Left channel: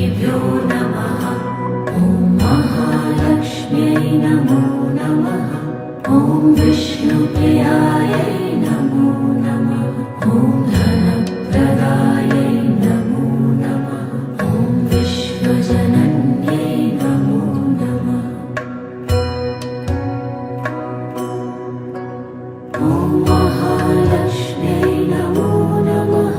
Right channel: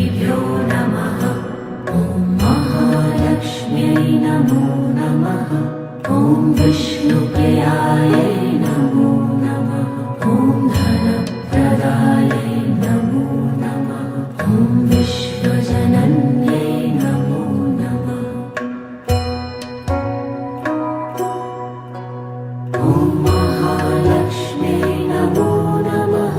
लक्ष्मीभ्यो नमः। ॐ महालक्ष्म्यै नमो नमः। ॐ विष्णुप्रियायै नमो नमः। ॐ धनप्रदायै नमो नमः। ॐ विश्वजनन्यै नमो नमः। ॐ महालक्ष्म्यै नमो नमः।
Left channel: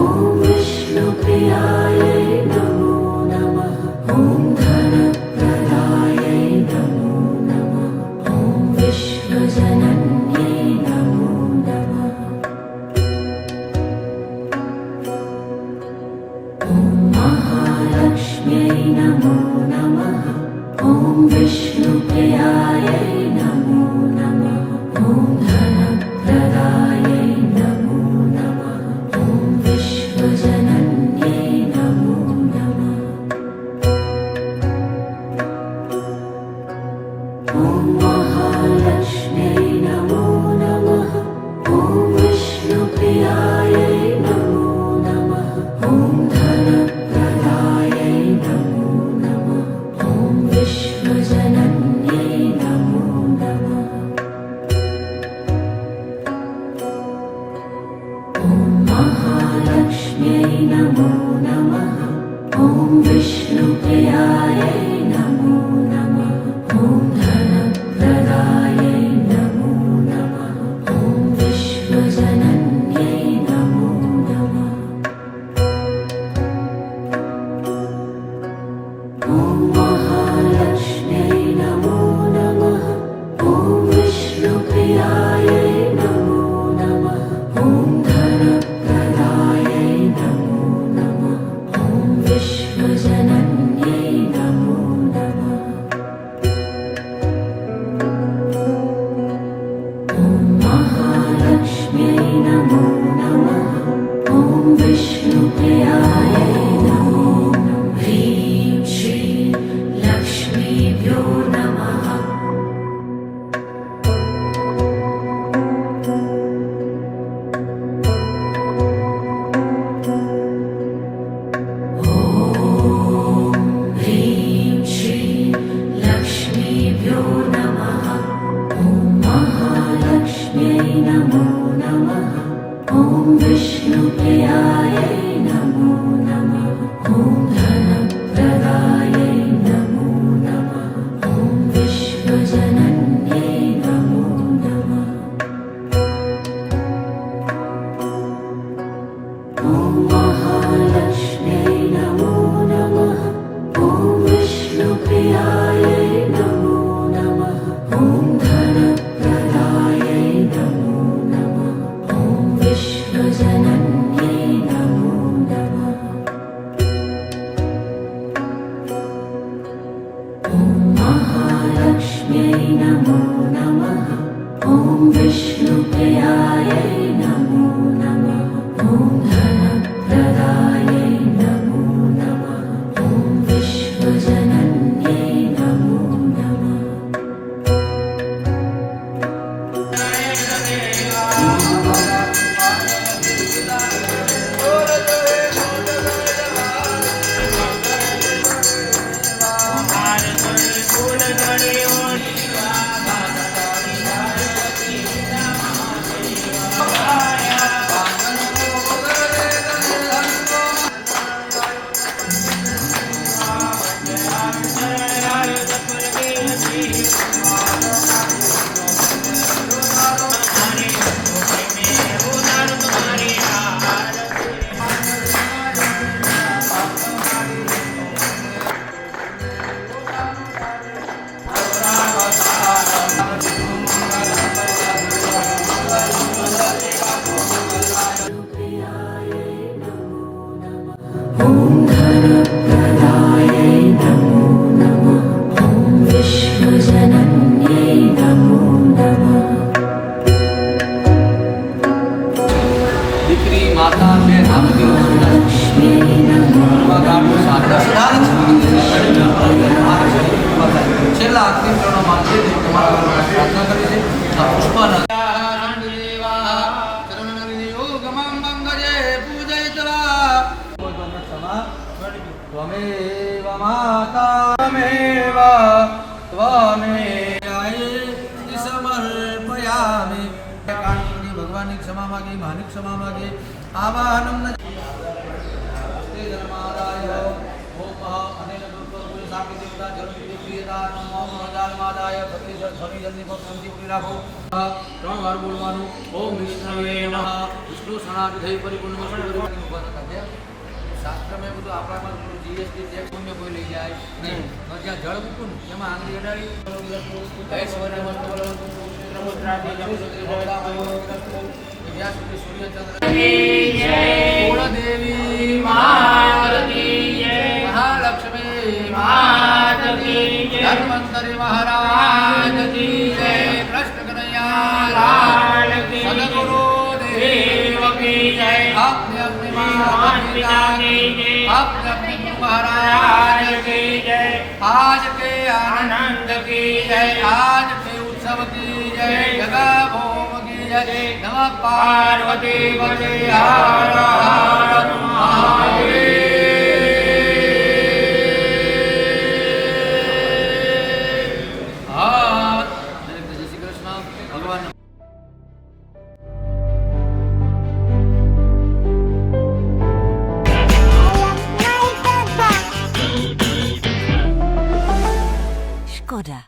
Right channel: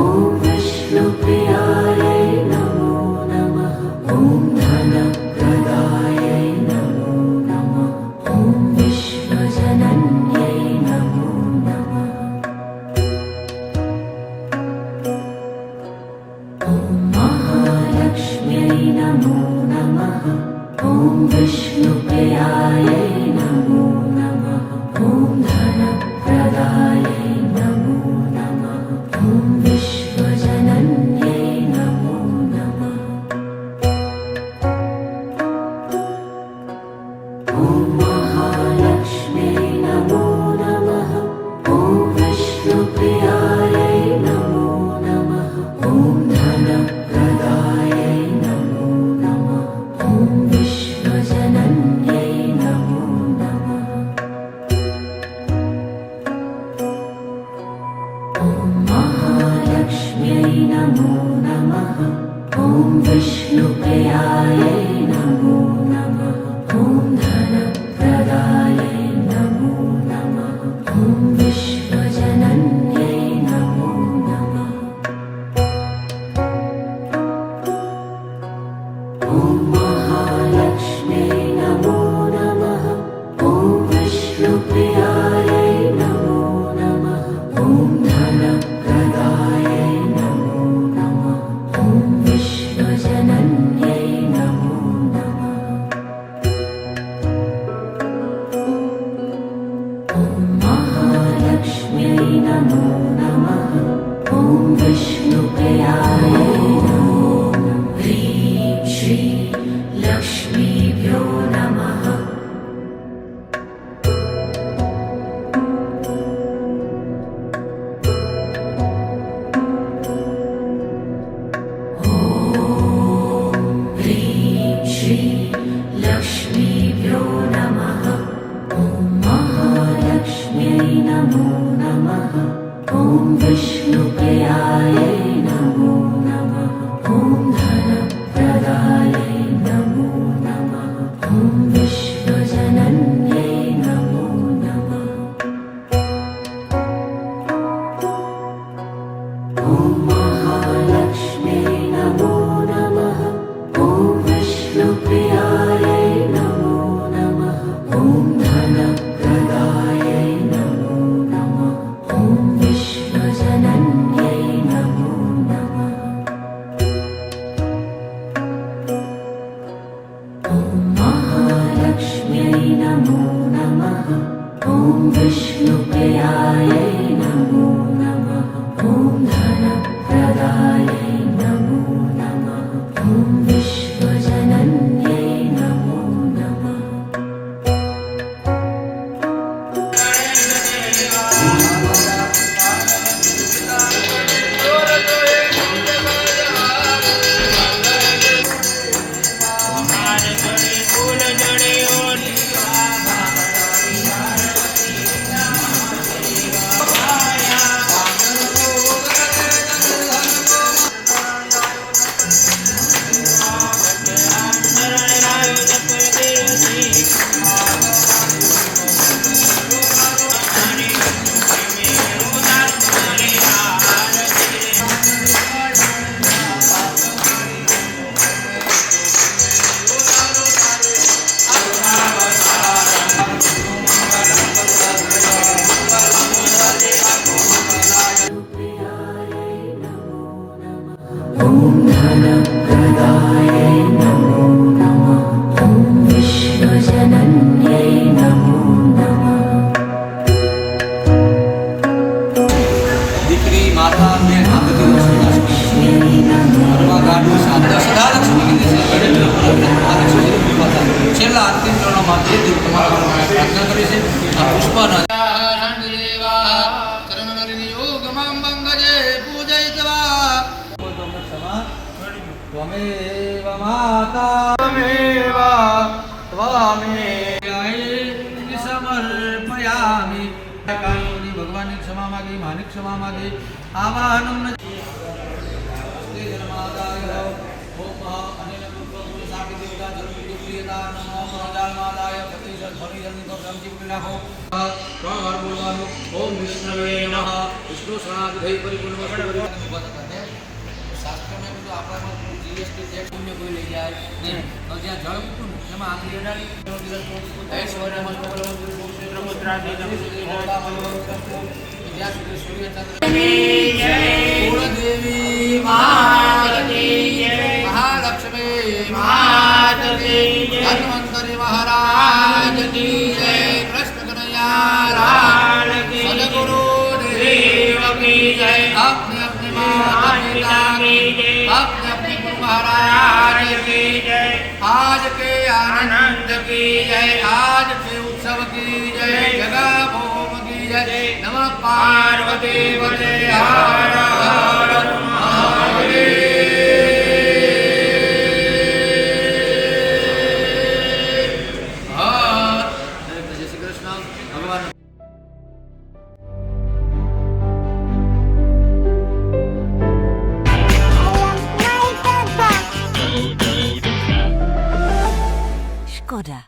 ॐ विष्णुप्रियायै नमो नमः। ॐ धनप्रदायै नमो नमः। ॐ विश्वजनन्यै नमो नमः। ॐ महालक्ष्म्यै नमो नमः। ॐ विष्णुप्रियायै नमो नमः। ॐ धनप्रदायै नमो नमः। ॐ विश्वजनन्यै नमो नमः। ॐ महालक्ष्म्यै नमो नमः। ॐ विष्णुप्रियायै नमो नमः। ॐ धनप्रदायै नमो नमः। ॐ विश्वजनन्यै नमो नमः। ॐ महालक्ष्म्यै नमो नमः। ॐ विष्णुप्रियायै नमो नमः। ॐ धनप्रदायै नमो नमः। ॐ विश्वजनन्यै नमो नमः। ॐ महालक्ष्म्यै नमो नमः। ॐ विष्णुप्रियायै नमो नमः। ॐ धनप्रदायै नमो नमः। ॐ विश्वजनन्यै नमो नमः। ॐ महालक्ष्म्यै नमो नमः। ॐ विष्णुप्रियायै नमो नमः। ह्रीं श्रीं लक्ष्मीभ्यो नमः। ॐ ह्रीं श्रीं लक्ष्मीभ्यो नमः। ॐ महालक्ष्म्यै नमो नमः। ॐ विष्णुप्रियायै नमो नमः। ॐ धनप्रदायै नमो नमः। ॐ विश्वजनन्यै नमो नमः। ॐ महालक्ष्म्यै नमो नमः। ॐ विष्णुप्रियायै नमो नमः। ॐ धनप्रदायै नमो नमः। ॐ विश्वजनन्यै नमो नमः। ॐ महालक्ष्म्यै नमो नमः। ॐ विष्णुप्रियायै नमो नमः। ॐ धनप्रदायै नमो नमः। ॐ विश्वजनन्यै नमो नमः। ॐ धनप्रदायै नमो नमः। ॐ विश्वजनन्यै नमो नमः। દીકરી માતા બેન આ બધી लक्ष्म्यै नमो ગાઢું સાધન સદા લક્ષ્મી કીધી છે ગણેશ મહાલક્ષ્મી માતા છેલ્લા અંતિમ ચરણોમાં જે દેવ તમારા ઘરમાં પ્રાર્થના કરી છે આ પુષ્પના પૂજયિત્વા ત્વમેવ માતા ત્વમેવ સમર્પયામિ. કાનૂની ભગવાનની ક્ષમા માગી, માની ક્ષમા માગી. આવાહનમ હસ્તે જન્માદાય ઓમ અનેન ગુરુપુર સાકી દેવતા જન્મ પ્રિયતા નમો પ્રજાલમાદાય પતિ ધ્વનિ જન્મ પ્રમજી પુરી રાખો. 3 વાર બોલવાનું. ઓમ વિષ્ણવે નમઃ. વિષ્ણુ સણાદિ પરિપૂર્ણ વસ્તુ શાસ્ત્રમાં બધું આપણામાં જીએસટી ટેક્સ પુણ્ય કોઈ લઈ જાય નહીં. તો જ્યાં જળ મૂકું ને એમાં આંગળી અડાડી ઐશ્વર્ય કુળદેવી મહાલક્ષ્મી ધન્વંતરી મહારાજ કી જય. કૃષ્ણ કનૈયા સદગુરુ દેવ કી જય. अपने अपने माता पिता की जय, अपने अपने गुरु महाराज की जय, आज के आनंद की जय, आज के उत्सव की जय, जगह भोम की जय. नमः पार्वती पते हर हर महादेव. जय श्री कृष्ण भगवान. Škoda.